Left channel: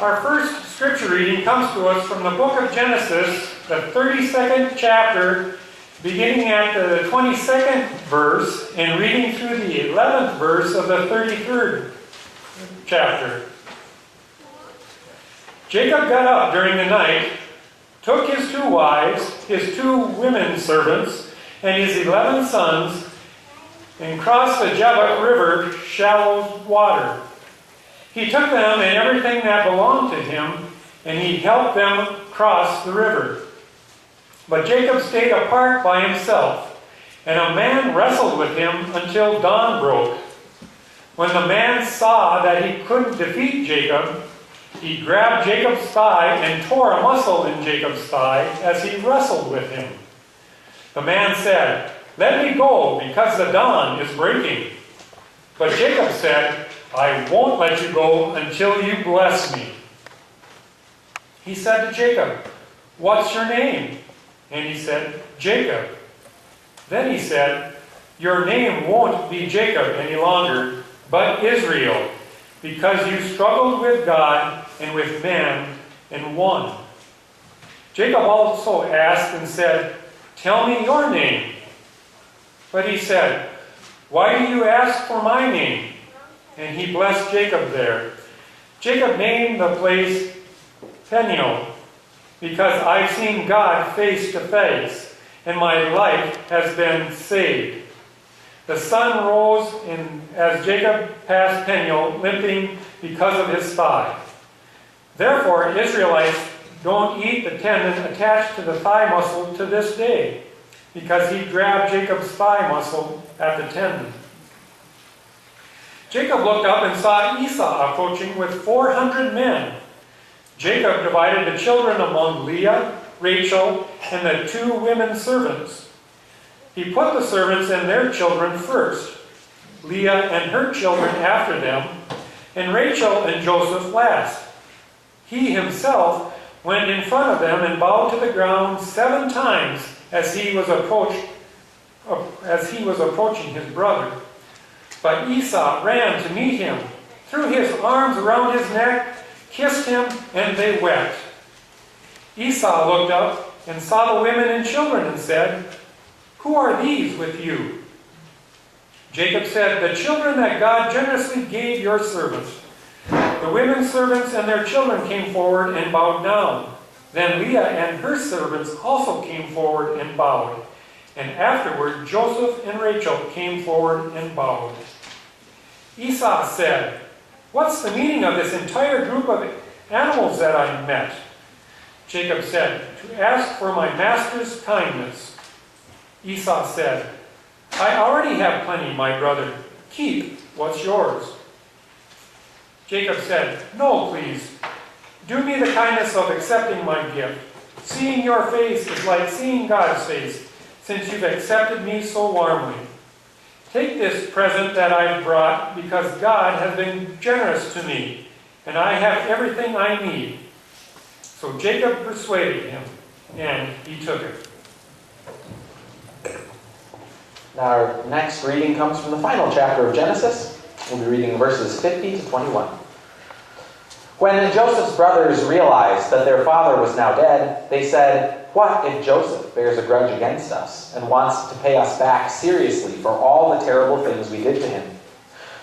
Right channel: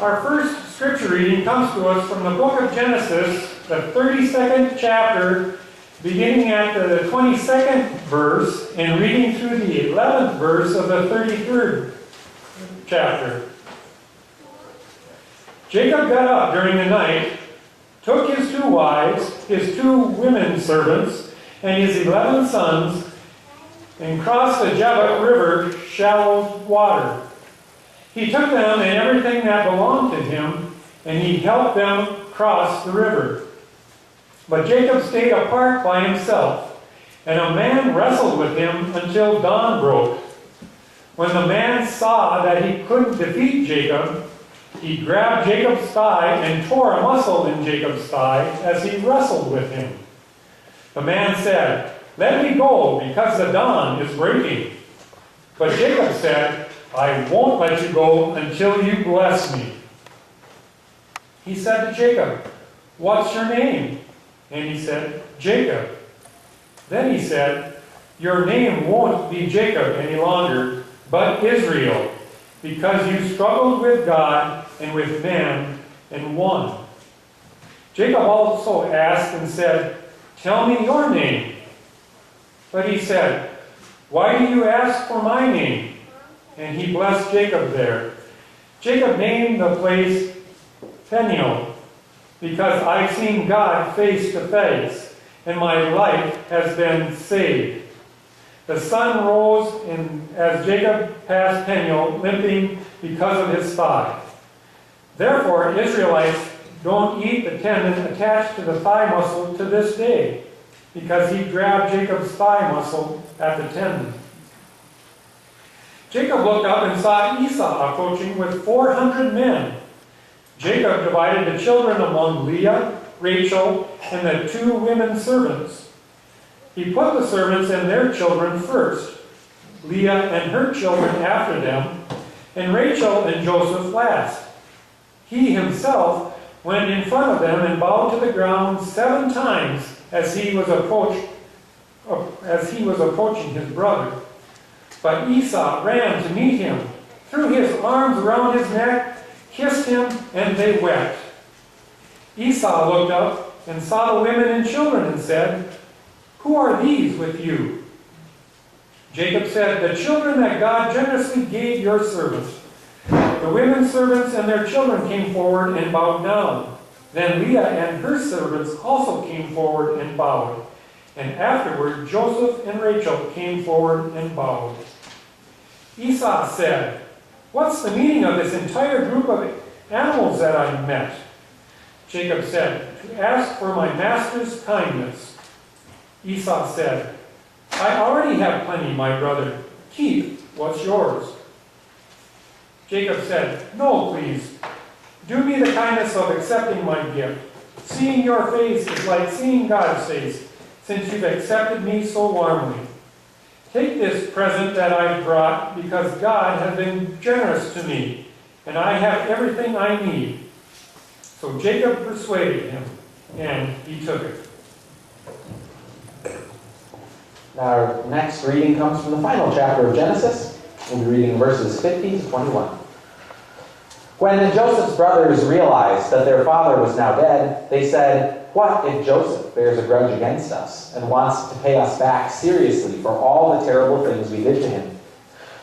Our first scripture reading comes to us from the book of Genesis, the 32nd chapter, beginning at the 22nd verse and reading through the 11th verse of the 33rd chapter. Jacob got up during the night, took his 2 wives, his 2 women servants, and his 11 sons, and crossed the Jabbok River, shallow water. He took them and everything that belonged to him, and he helped them cross the river. But Jacob stayed apart by himself, and a man wrestled with him until dawn broke. When the man saw that he couldn't defeat Jacob, he grabbed Jacob's thigh and tore a muscle in Jacob's thigh as he wrestled with him. The man said, "Let me go, because the dawn is breaking." But Jacob said, "I won't let you go until you bless me." He said to Jacob, "What's your name?" And he said, "Jacob." Then he said, "Your name won't be Jacob any longer, but Israel, because you struggled with God and with man and won." Jacob also asked and said, "Tell me your name." But he said, "Why do you ask for my name?" And he blessed Jacob there. Jacob named the place Peniel, because I've seen God face to face, and my life has been saved. The sun rose as Jacob passed Peniel, limping because of his thigh. Therefore, Israelites don't eat the tendon attached to the thigh muscle to this day, because he grabbed Jacob's thigh muscle at the tendon. Jacob looked up and saw Esau approaching with 400 men. Jacob divided the children among Leah, Rachel, and the 2 women servants. He put the servants and their children first, Leah and her children after them, and Rachel and Joseph last. He himself went in front of them and bowed to the ground 7 times as he was approaching his brother. But Esau ran to meet him, threw his arms around his neck, kissed him, and they wept. Esau looked up and saw the women and children and said, "Who are these with you?" Jacob said, "The children that God generously gave your servant." The women servants and their children came forward and bowed down. Then Leah and her servants also came forward and bowed. And afterward, Joseph and Rachel came forward and bowed. Esau said, "What's the meaning of this entire group of animals that I met?" Jacob said, "To ask for my master's kindness." Esau said, "I already have plenty, my brother. Keep what's yours." Jacob said, "No, please. Do me the kindness of accepting my gift. Seeing your face is like seeing God's face, since you've accepted me so warmly. Take this present that I've brought, because God has been generous to me, and I have everything I need." So Jacob persuaded him, and he took it. Now our next reading comes from the final chapter of Genesis. We'll be reading verses 50 to 21. When Joseph's brothers realized that their father was now dead, they said, "What if Joseph bears a grudge against us and wants to pay us back seriously for all the terrible things we did to him?"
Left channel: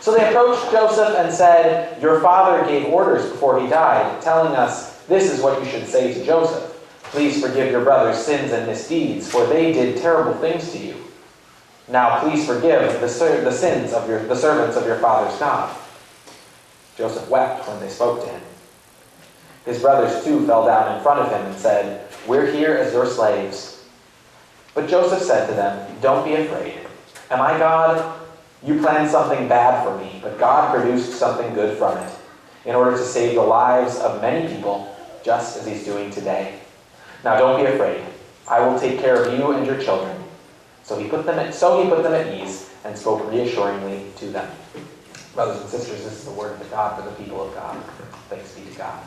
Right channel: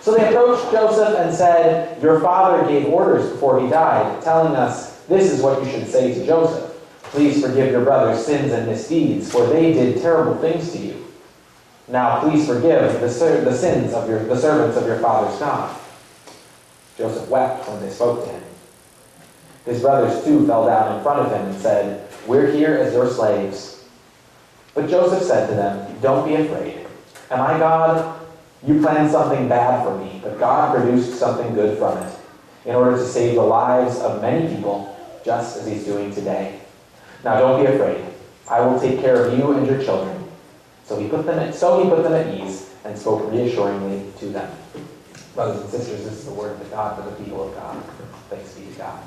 So they approached Joseph and said, "Your father gave orders before he died, telling us, 'This is what you should say to Joseph. Please forgive your brother's sins and misdeeds, for they did terrible things to you. Now please forgive the sins of the servants of your father's God.'" Joseph wept when they spoke to him. His brothers too fell down in front of him and said, "We're here as your slaves." But Joseph said to them, "Don't be afraid. Am I God? You planned something bad for me, but God produced something good from it, in order to save the lives of many people, just as he's doing today. Now don't be afraid. I will take care of you and your children." So he put them at ease and spoke reassuringly to them. Brothers and sisters, this is the word of God for the people of God. Thanks be to God.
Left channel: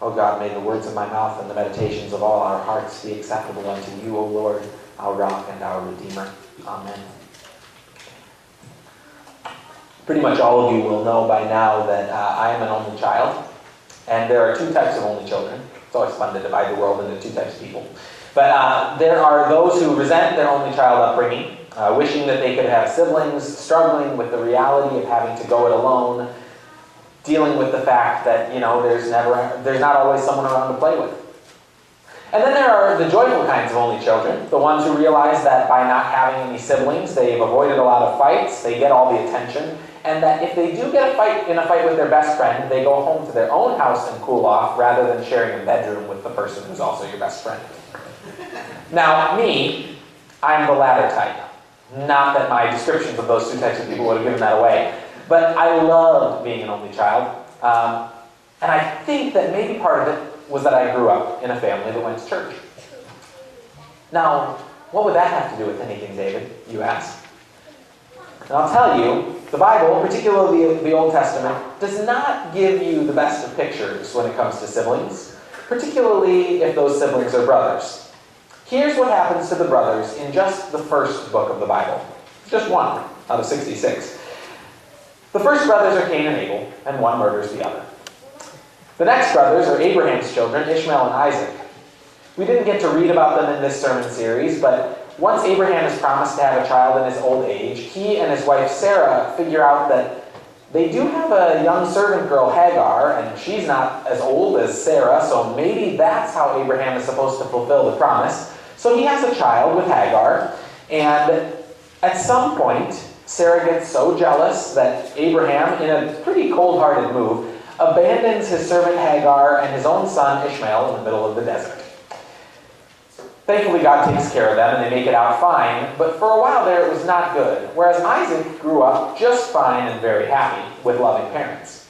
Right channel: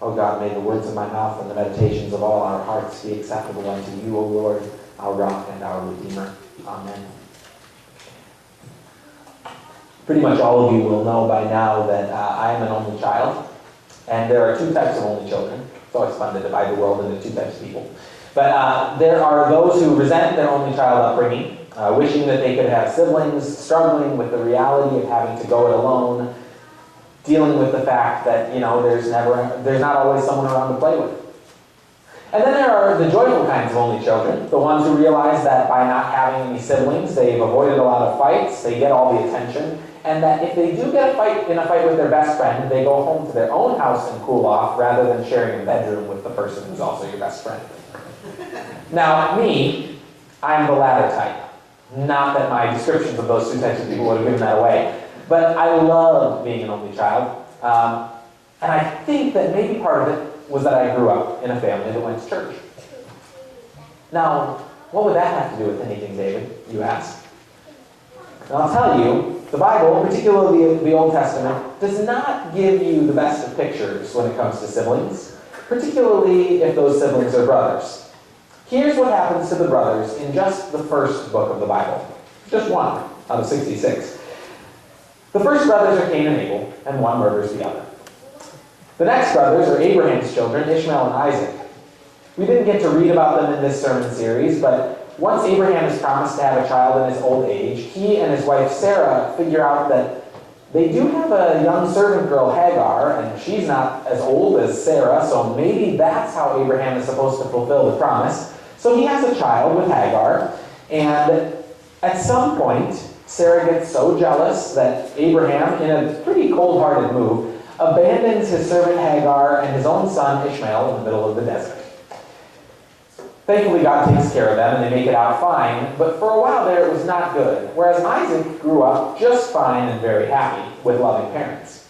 O God, may the words of my mouth and the meditations of all our hearts be acceptable unto you, O Lord, our rock and our Redeemer. Amen. Pretty much all of you will know by now that I am an only child, and there are two types of only children. It's always fun to divide the world into two types of people. But there are those who resent their only child upbringing, wishing that they could have siblings, struggling with the reality of having to go it alone, dealing with the fact that, there's not always someone around to play with. And then there are the joyful kinds of only children, the ones who realize that by not having any siblings, they've avoided a lot of fights, they get all the attention, and that if they do get in a fight with their best friend, they go home to their own house and cool off, rather than sharing a bedroom with the person who's also your best friend. Now, me, I'm the latter type. Not that my descriptions of those two types of people would have given that away, but I loved being an only child, and I think that maybe part of it was that I grew up in a family that went to church. Now, what would that have to do with anything, David, you ask? And I'll tell you, the Bible, particularly the Old Testament, does not give you the best of pictures when it comes to siblings, particularly if those siblings are brothers. Here's what happens to the brothers in just the first book of the Bible. Just one out of 66. The first brothers are Cain and Abel, and one murders the other. The next brothers are Abraham's children, Ishmael and Isaac. We didn't get to read about them in this sermon series, but once Abraham is promised to have a child in his old age, he and his wife Sarah figure out that they do have a young servant girl, Hagar, and she's not as old as Sarah, so maybe that's how Abraham is supposed to fulfill the promise. So he has a child with Hagar, and at some point, Sarah gets so jealous that Abraham, in a pretty cold-hearted move, abandons his servant Hagar and his own son Ishmael in the middle of the desert. Thankfully, God takes care of them and they make it out fine, but for a while there it was not good, whereas Isaac grew up just fine and very happy with loving parents.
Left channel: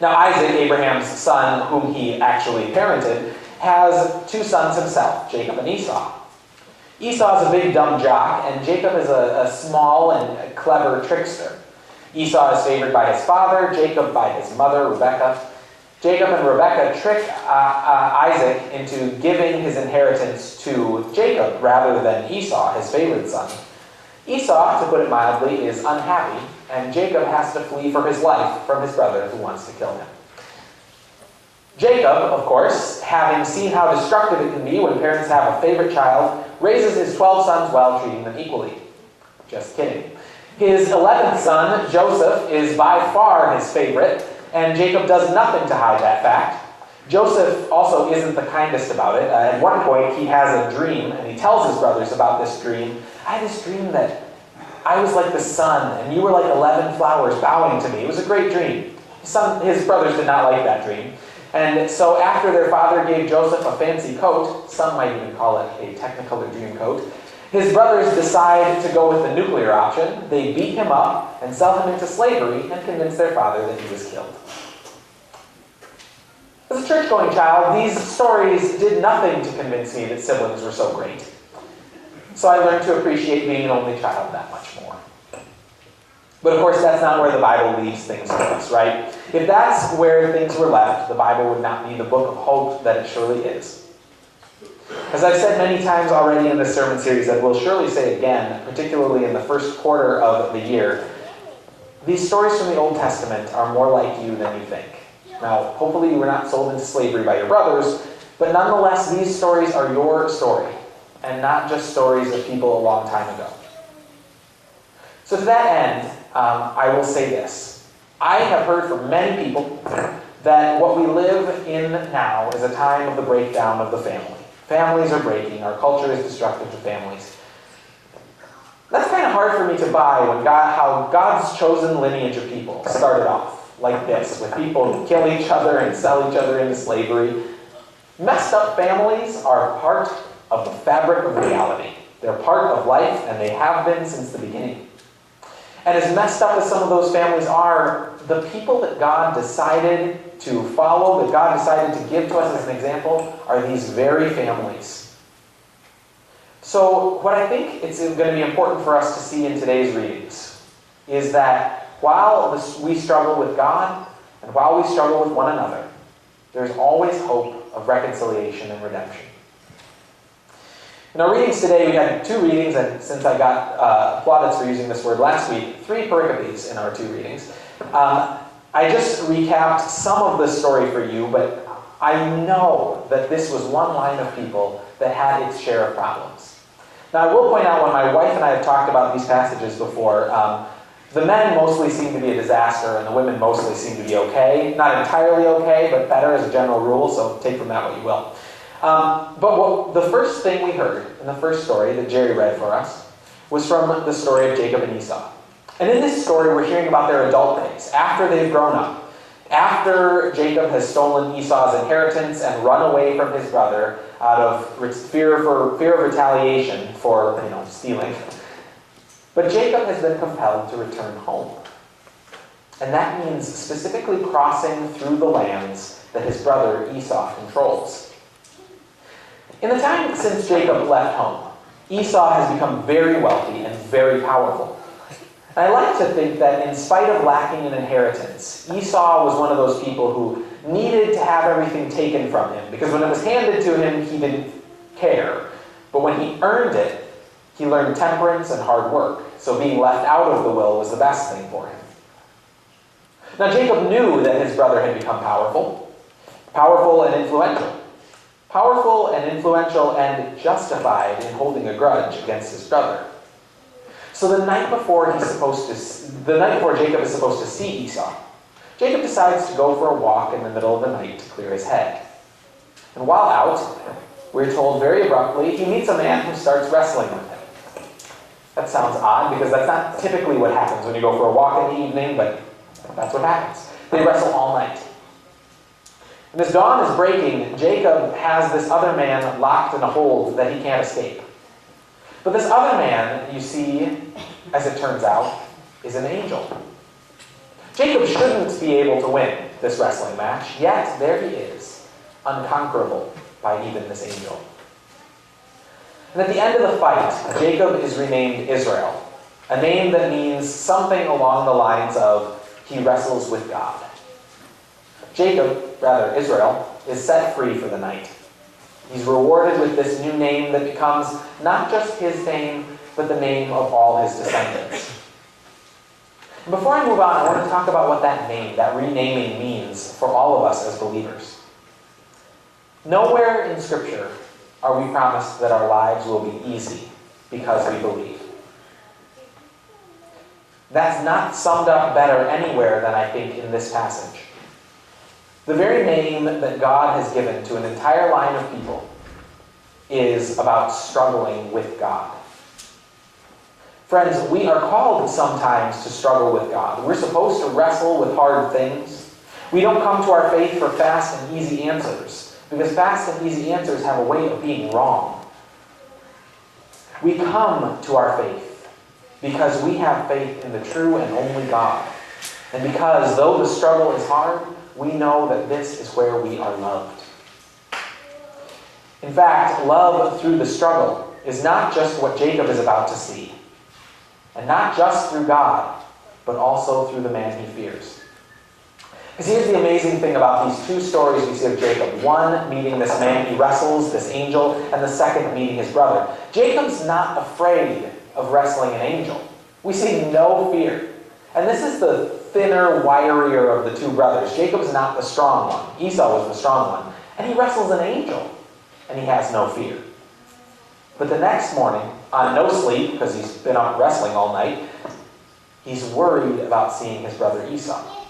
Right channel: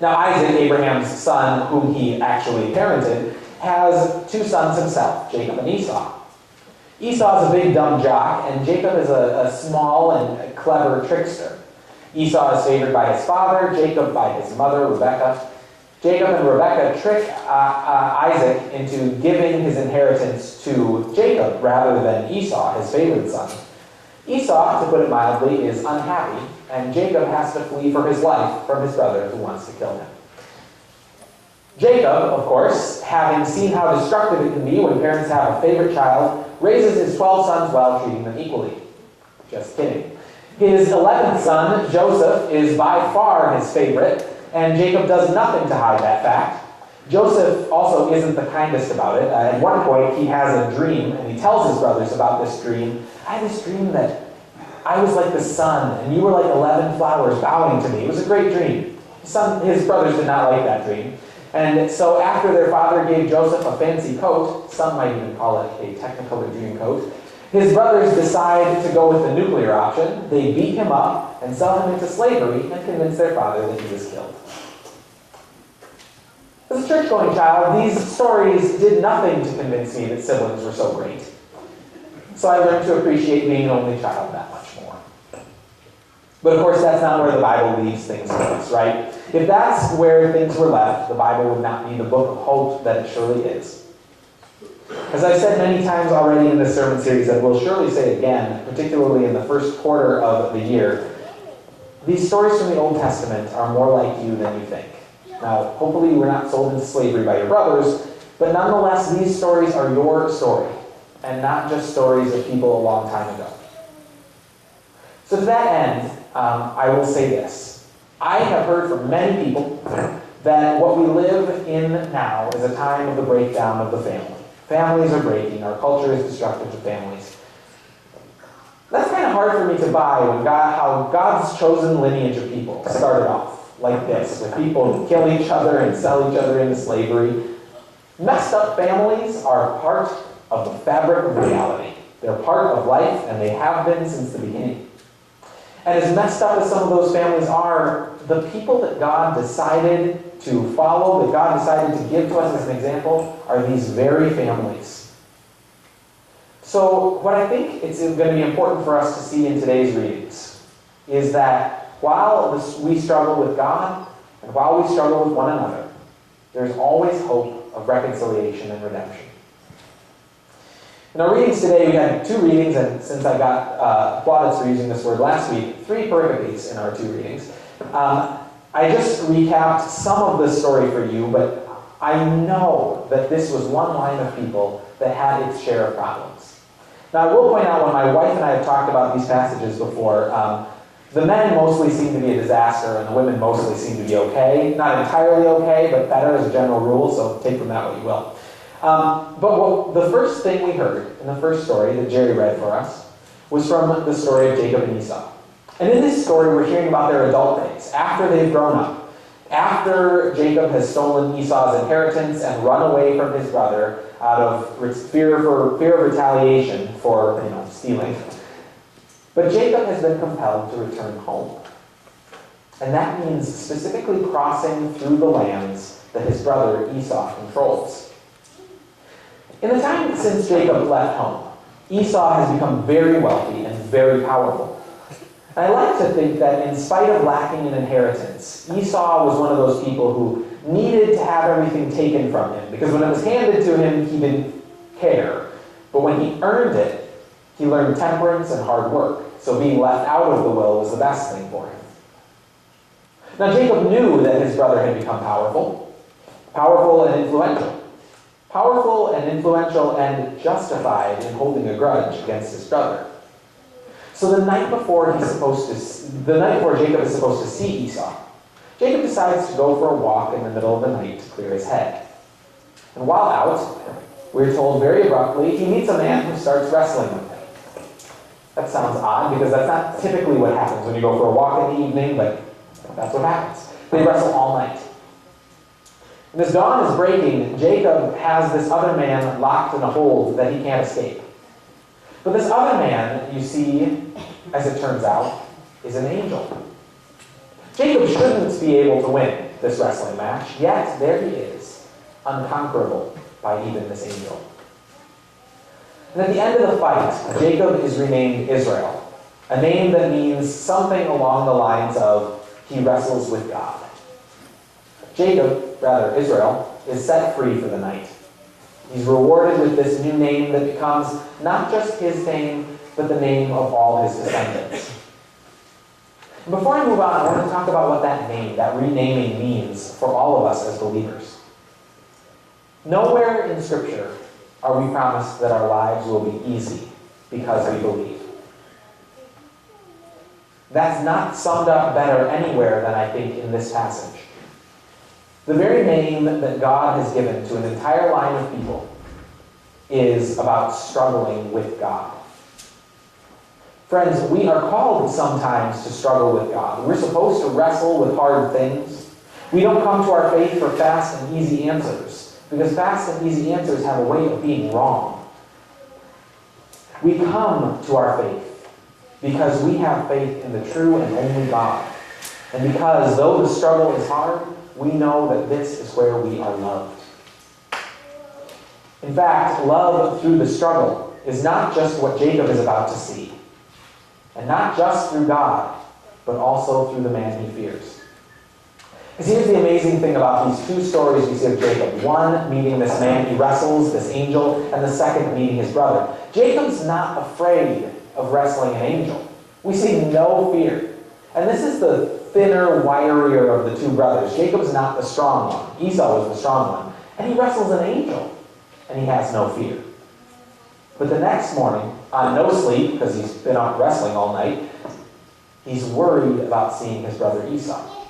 Now Isaac, Abraham's son, whom he actually parented, has two sons himself, Jacob and Esau. Esau is a big dumb jock, and Jacob is a small and clever trickster. Esau is favored by his father, Jacob by his mother, Rebekah. Jacob and Rebekah trick Isaac into giving his inheritance to Jacob rather than Esau, his favored son. Esau, to put it mildly, is unhappy, and Jacob has to flee for his life from his brother who wants to kill him. Jacob, of course, having seen how destructive it can be when parents have a favorite child, raises his 12 sons well, treating them equally. Just kidding. His 11th son, Joseph, is by far his favorite, and Jacob does nothing to hide that fact. Joseph also isn't the kindest about it. At one point, he has a dream, and he tells his brothers about this dream. I had this dream that I was like the sun, and you were like 11 flowers bowing to me. It was a great dream. His brothers did not like that dream. And so after their father gave Joseph a fancy coat, some might even call it a Technicolor dream coat, his brothers decide to go with the nuclear option. They beat him up and sell him into slavery and convince their father that he was killed. As a church-going child, these stories did nothing to convince me that siblings were so great. So I learned to appreciate being an only child that much more. But of course, that's not where the Bible leaves things for us, right? If that's where things were left, the Bible would not be the book of hope that it surely is. As I've said many times already in this sermon series, and will surely say again, particularly in the first quarter of the year, these stories from the Old Testament are more like you than you think. Now, hopefully you were not sold into slavery by your brothers, but nonetheless, these stories are your story, and not just stories of people a long time ago. So to that end, I will say this. I have heard from many people that what we live in now is a time of the breakdown of the family. Families are breaking. Our culture is destructive to families. That's kind of hard for me to buy when how God's chosen lineage of people started off like this, with people who kill each other and sell each other into slavery. Messed up families are part of the fabric of reality. They're part of life, and they have been since the beginning. And as messed up as some of those families are, the people that God decided to follow, that God decided to give to us as an example, are these very families. So what I think it's going to be important for us to see in today's readings is that while we struggle with God, and while we struggle with one another, there's always hope of reconciliation and redemption. In our readings today, we had 2 readings, and since I got plaudits for using this word last week, 3 pericopes in our 2 readings. I just recapped some of the story for you, but I know that this was one line of people that had its share of problems. Now, I will point out, when my wife and I have talked about these passages before, the men mostly seem to be a disaster, and the women mostly seem to be okay. Not entirely okay, but better as a general rule, so take from that what you will. But the first thing we heard in the first story that Jerry read for us was from the story of Jacob and Esau. And in this story, we're hearing about their adult days, after they've grown up, after Jacob has stolen Esau's inheritance and run away from his brother out of fear of retaliation for stealing. But Jacob has been compelled to return home. And that means specifically crossing through the lands that his brother Esau controls. In the time since Jacob left home, Esau has become very wealthy and very powerful. And I like to think that in spite of lacking an inheritance, Esau was one of those people who needed to have everything taken from him, because when it was handed to him, he didn't care. But when he earned it, he learned temperance and hard work. So being left out of the will was the best thing for him. Now Jacob knew that his brother had become powerful and influential. Powerful and influential and justified in holding a grudge against his brother. So the night before Jacob is supposed to see Esau, Jacob decides to go for a walk in the middle of the night to clear his head. And while out, we're told very abruptly, he meets a man who starts wrestling with him. That sounds odd, because that's not typically what happens when you go for a walk in the evening, but that's what happens. They wrestle all night. And as dawn is breaking, Jacob has this other man locked in a hold that he can't escape. But this other man, you see, as it turns out, is an angel. Jacob shouldn't be able to win this wrestling match, yet there he is, unconquerable by even this angel. And at the end of the fight, Jacob is renamed Israel, a name that means something along the lines of, he wrestles with God. Israel, is set free for the night. He's rewarded with this new name that becomes not just his name, but the name of all his descendants. And before I move on, I want to talk about what that name, that renaming, means for all of us as believers. Nowhere in Scripture are we promised that our lives will be easy because we believe. That's not summed up better anywhere than I think in this passage. The very name that God has given to an entire line of people is about struggling with God. Friends, we are called sometimes to struggle with God. We're supposed to wrestle with hard things. We don't come to our faith for fast and easy answers, because fast and easy answers have a way of being wrong. We come to our faith because we have faith in the true and only God. And because though the struggle is hard, we know that this is where we are loved. In fact, love through the struggle is not just what Jacob is about to see. And not just through God, but also through the man he fears. Because here's the amazing thing about these 2 stories we see of Jacob. One, meeting this man he wrestles, this angel, and the second, meeting his brother. Jacob's not afraid of wrestling an angel. We see no fear. And this is the thinner, wirier of the 2 brothers. Jacob's not the strong one. Esau was the strong one. And he wrestles an angel, and he has no fear. But the next morning, on no sleep, because he's been up wrestling all night, he's worried about seeing his brother Esau.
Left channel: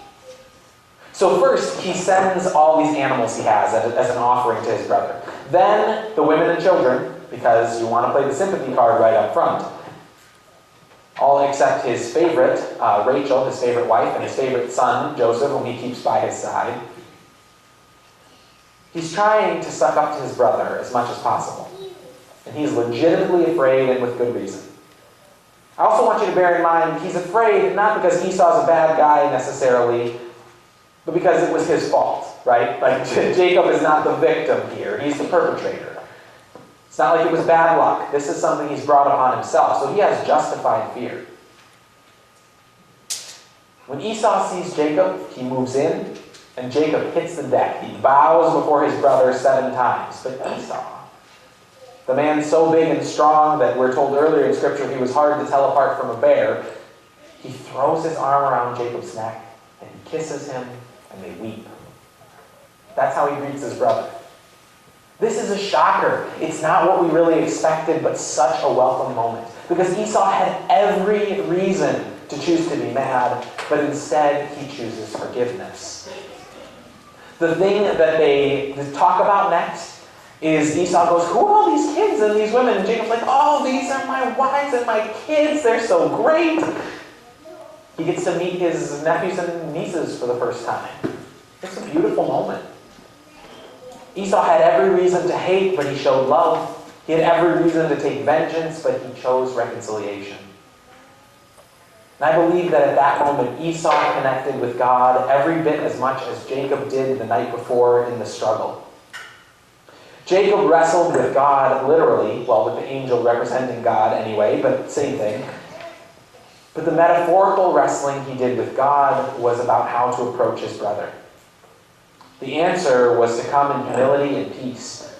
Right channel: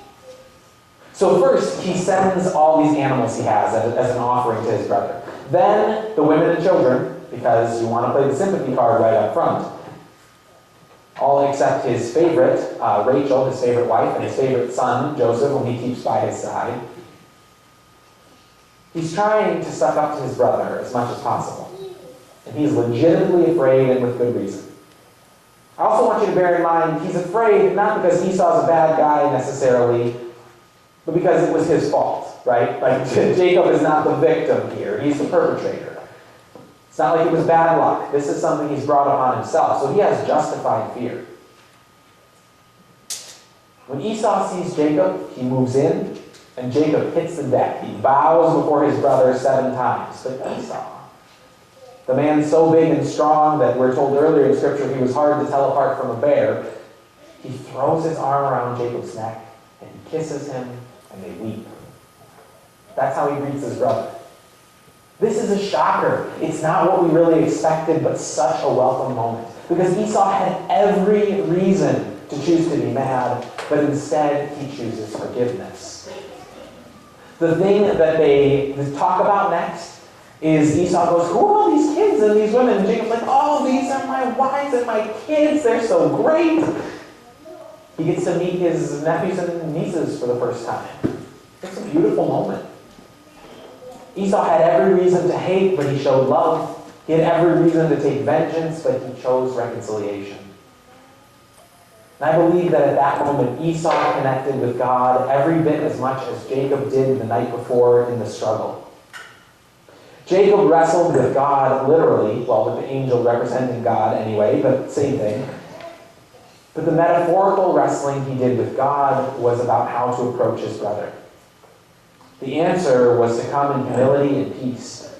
So first, he sends all these animals he has as an offering to his brother. Then the women and children, because you want to play the sympathy card right up front. All except his favorite, Rachel, his favorite wife, and his favorite son, Joseph, whom he keeps by his side. He's trying to suck up to his brother as much as possible. And he's legitimately afraid, and with good reason. I also want you to bear in mind, he's afraid not because Esau's a bad guy necessarily, but because it was his fault, right? Like, Jacob is not the victim here. He's the perpetrator. It's not like it was bad luck. This is something he's brought upon himself. So he has justified fear. When Esau sees Jacob, he moves in, and Jacob hits the deck. He bows before his brother 7 times. But Esau, The man so big and strong that we're told earlier in Scripture he was hard to tell apart from a bear. He throws his arm around Jacob's neck and he kisses him and they weep. That's how he greets his brother. This is a shocker. It's not what we really expected, but such a welcome moment. Because Esau had every reason to choose to be mad, but instead he chooses forgiveness. The thing that they talk about next is Esau goes, who are all these kids and these women? And Jacob's like, oh, these are my wives and my kids. They're so great. He gets to meet his nephews and nieces for the first time. It's a beautiful moment. Esau had every reason to hate, but he showed love. He had every reason to take vengeance, but he chose reconciliation. And I believe that at that moment, Esau connected with God every bit as much as Jacob did the night before in the struggle. Jacob wrestled with God literally, well, with the angel representing God anyway, but same thing. But the metaphorical wrestling he did with God was about how to approach his brother. The answer was to come in humility and peace.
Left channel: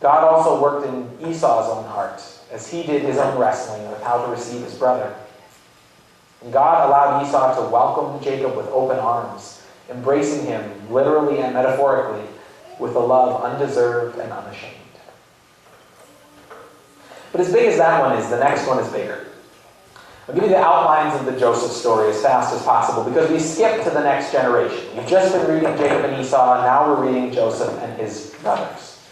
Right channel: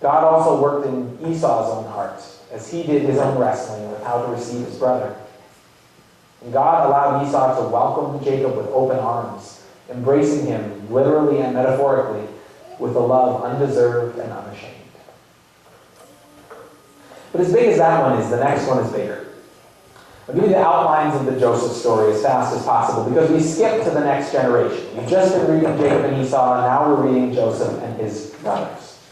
God also worked in Esau's own heart as he did his own wrestling with how to receive his brother. And God allowed Esau to welcome Jacob with open arms, embracing him literally and metaphorically with a love undeserved and unashamed. But as big as that one is, the next one is bigger. I'll give you the outlines of the Joseph story as fast as possible because we skip to the next generation. We've just been reading Jacob and Esau, and now we're reading Joseph and his brothers.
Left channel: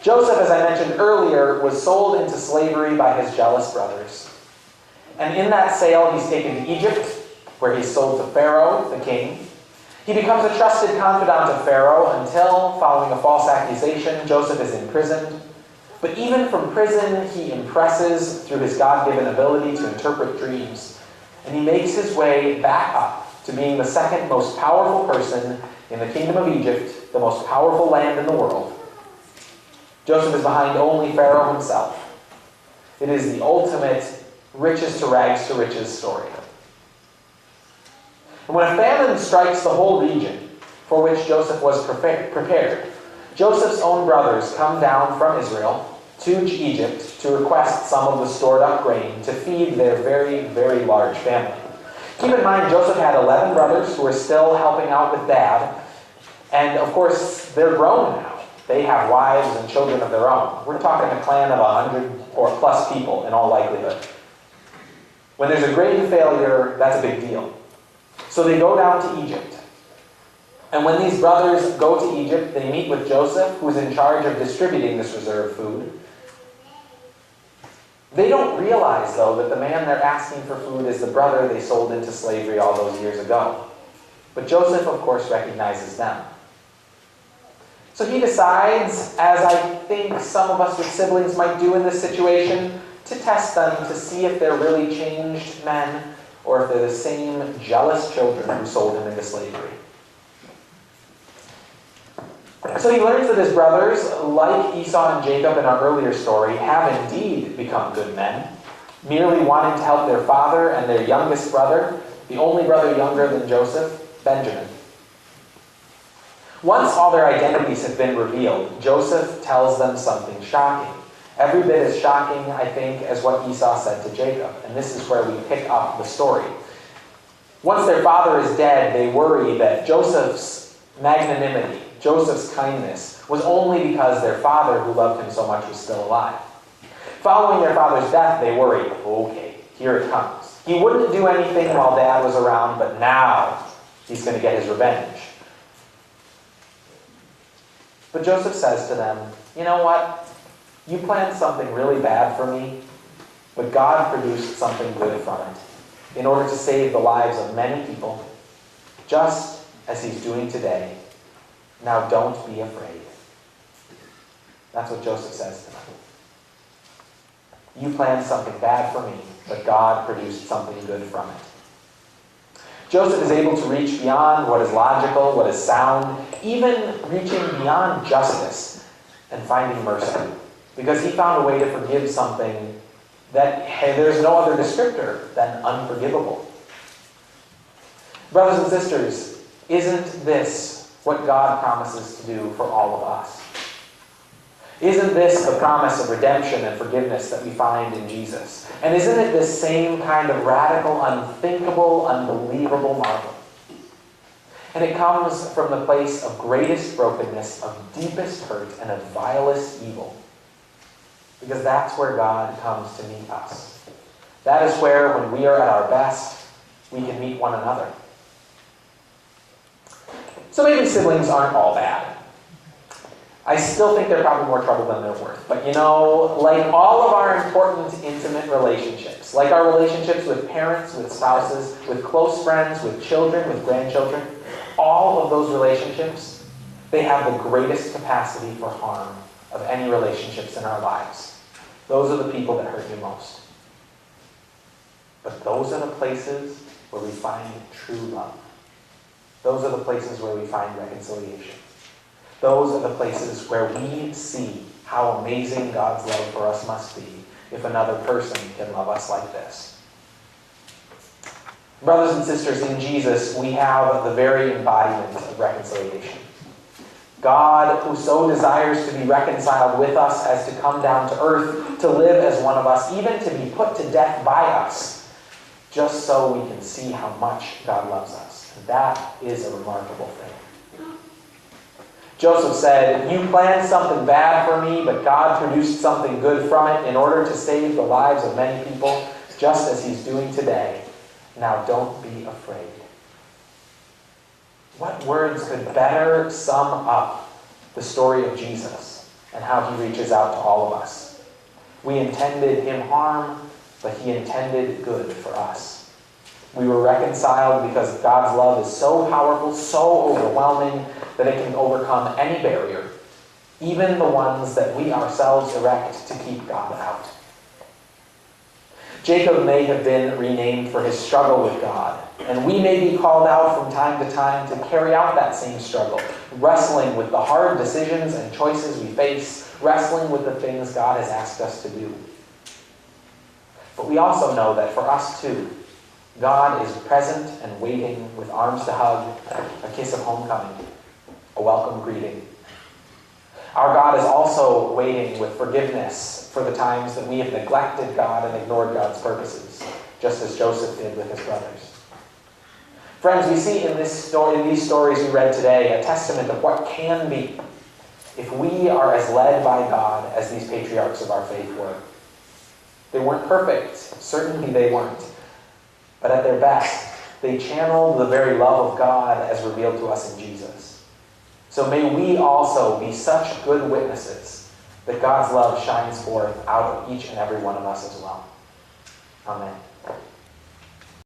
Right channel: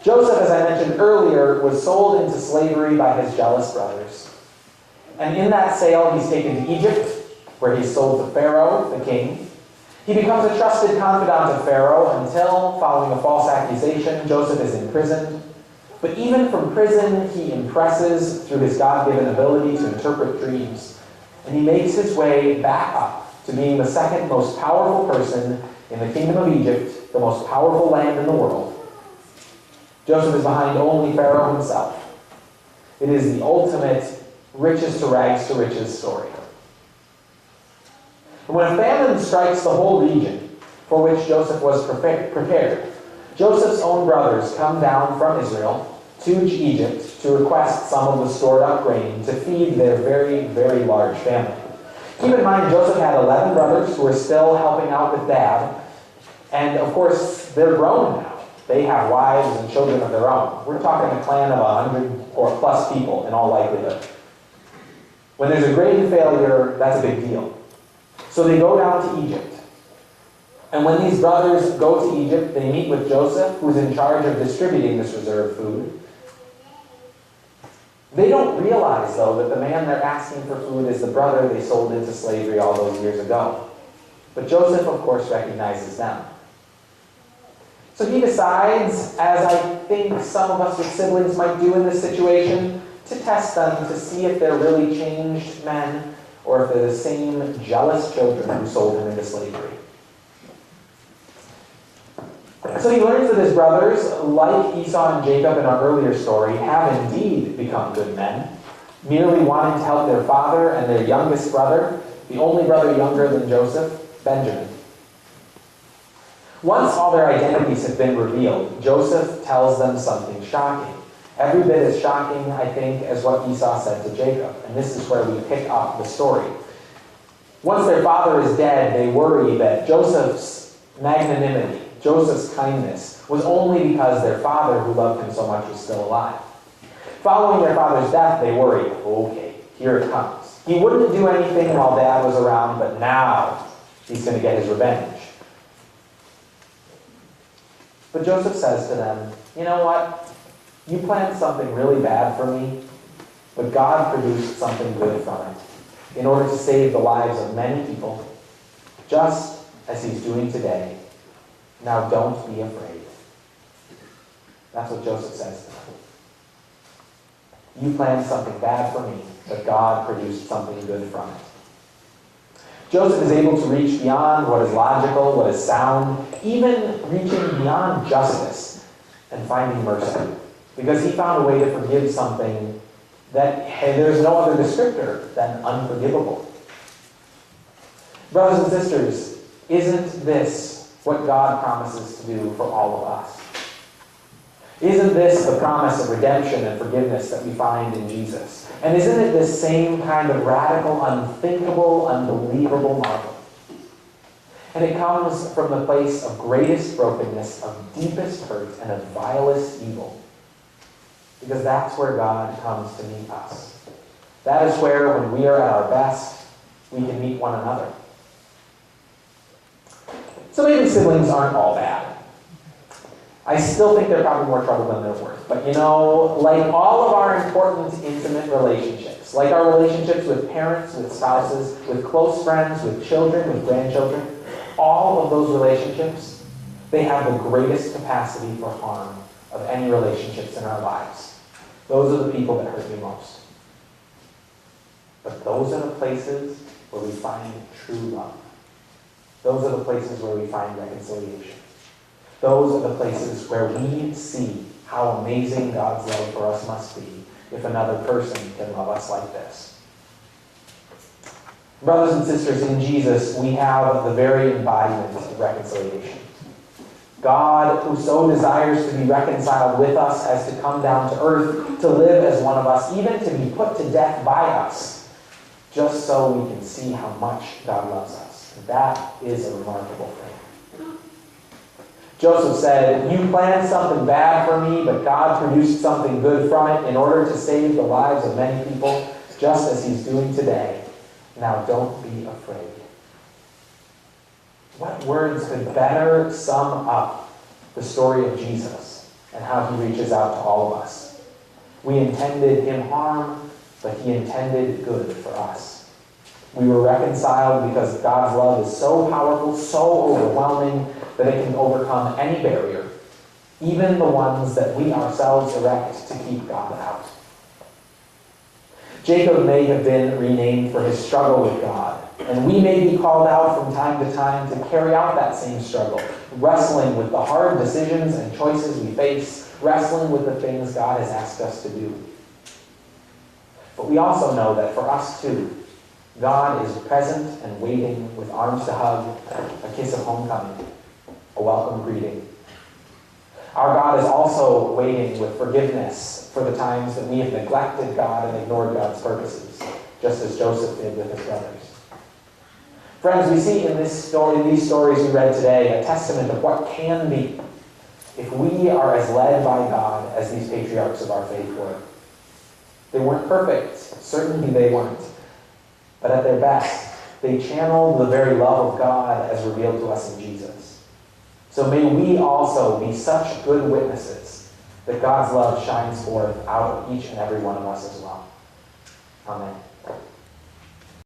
Joseph, as I mentioned earlier, was sold into slavery by his jealous brothers. And in that sale, he's taken to Egypt, where he's sold to Pharaoh, the king. He becomes a trusted confidant of Pharaoh until, following a false accusation, Joseph is imprisoned. But even from prison, he impresses through his God-given ability to interpret dreams. And he makes his way back up to being the second most powerful person in the kingdom of Egypt, the most powerful land in the world. Joseph is behind only Pharaoh himself. It is the ultimate riches to rags to riches story. And when a famine strikes the whole region for which Joseph was prepared, Joseph's own brothers come down from Israel to Egypt to request some of the stored up grain to feed their very, very large family. Keep in mind, Joseph had 11 brothers who were still helping out with dad. And of course, they're grown now. They have wives and children of their own. We're talking a clan of 100 or plus people in all likelihood. When there's a grain failure, that's a big deal. So they go down to Egypt. And when these brothers go to Egypt, they meet with Joseph, who's in charge of distributing this reserve food. They don't realize, though, that the man they're asking for food is the brother they sold into slavery all those years ago. But Joseph, of course, recognizes them. So he decides, as I think some of us with siblings might do in this situation, to test them to see if they're really changed men or if they're the same jealous children who sold him into slavery. So he learns that his brothers, like Esau and Jacob in our earlier story, have indeed become good men, merely wanting to help their father and their youngest brother, the only brother younger than Joseph, Benjamin. Once all their identities have been revealed, Joseph tells them something shocking. Every bit as shocking, I think, as what Esau said to Jacob. And this is where we pick up the story. Once their father is dead, they worry that Joseph's magnanimity, Joseph's kindness, was only because their father, who loved him so much, was still alive. Following their father's death, they worry, okay, here it comes. He wouldn't do anything while Dad was around, but now he's going to get his revenge. But Joseph says to them, you know what? You planned something really bad for me, but God produced something good from it in order to save the lives of many people, just as he's doing today. Now don't be afraid. That's what Joseph says to them. You planned something bad for me, but God produced something good from it. Joseph is able to reach beyond what is logical, what is sound, even reaching beyond justice and finding mercy. Because he found a way to forgive something that, hey, there's no other descriptor than unforgivable. Brothers and sisters, isn't this what God promises to do for all of us? Isn't this the promise of redemption and forgiveness that we find in Jesus? And isn't it this same kind of radical, unthinkable, unbelievable marvel? And it comes from the place of greatest brokenness, of deepest hurt, and of vilest evil. Because that's where God comes to meet us. That is where, when we are at our best, we can meet one another. So maybe siblings aren't all bad. I still think they're probably more trouble than they're worth. But like all of our important, intimate relationships, like our relationships with parents, with spouses, with close friends, with children, with grandchildren, all of those relationships, they have the greatest capacity for harm of any relationships in our lives. Those are the people that hurt you most. But those are the places where we find true love. Those are the places where we find reconciliation. Those are the places where we see how amazing God's love for us must be if another person can love us like this. Brothers and sisters, in Jesus, we have the very embodiment of reconciliation. God, who so desires to be reconciled with us as to come down to earth, to live as one of us, even to be put to death by us, just so we can see how much God loves us. And that is a remarkable thing. Joseph said, "You planned something bad for me, but God produced something good from it in order to save the lives of many people, just as he's doing today. Now don't be afraid." What words could better sum up the story of Jesus and how he reaches out to all of us? We intended him harm, but he intended good for us. We were reconciled because God's love is so powerful, so overwhelming, that it can overcome any barrier, even the ones that we ourselves erect to keep God out. Jacob may have been renamed for his struggle with God, and we may be called out from time to time to carry out that same struggle, wrestling with the hard decisions and choices we face, wrestling with the things God has asked us to do. But we also know that for us too, God is present and waiting with arms to hug, a kiss of homecoming, a welcome greeting. Our God is also waiting with forgiveness for the times that we have neglected God and ignored God's purposes, just as Joseph did with his brothers. Friends, we see in these stories we read today, a testament of what can be if we are as led by God as these patriarchs of our faith were. They weren't perfect. Certainly they weren't. But at their best, they channeled the very love of God as revealed to us in Jesus. So may we also be such good witnesses that God's love shines forth out of each and every one of us as well. Amen.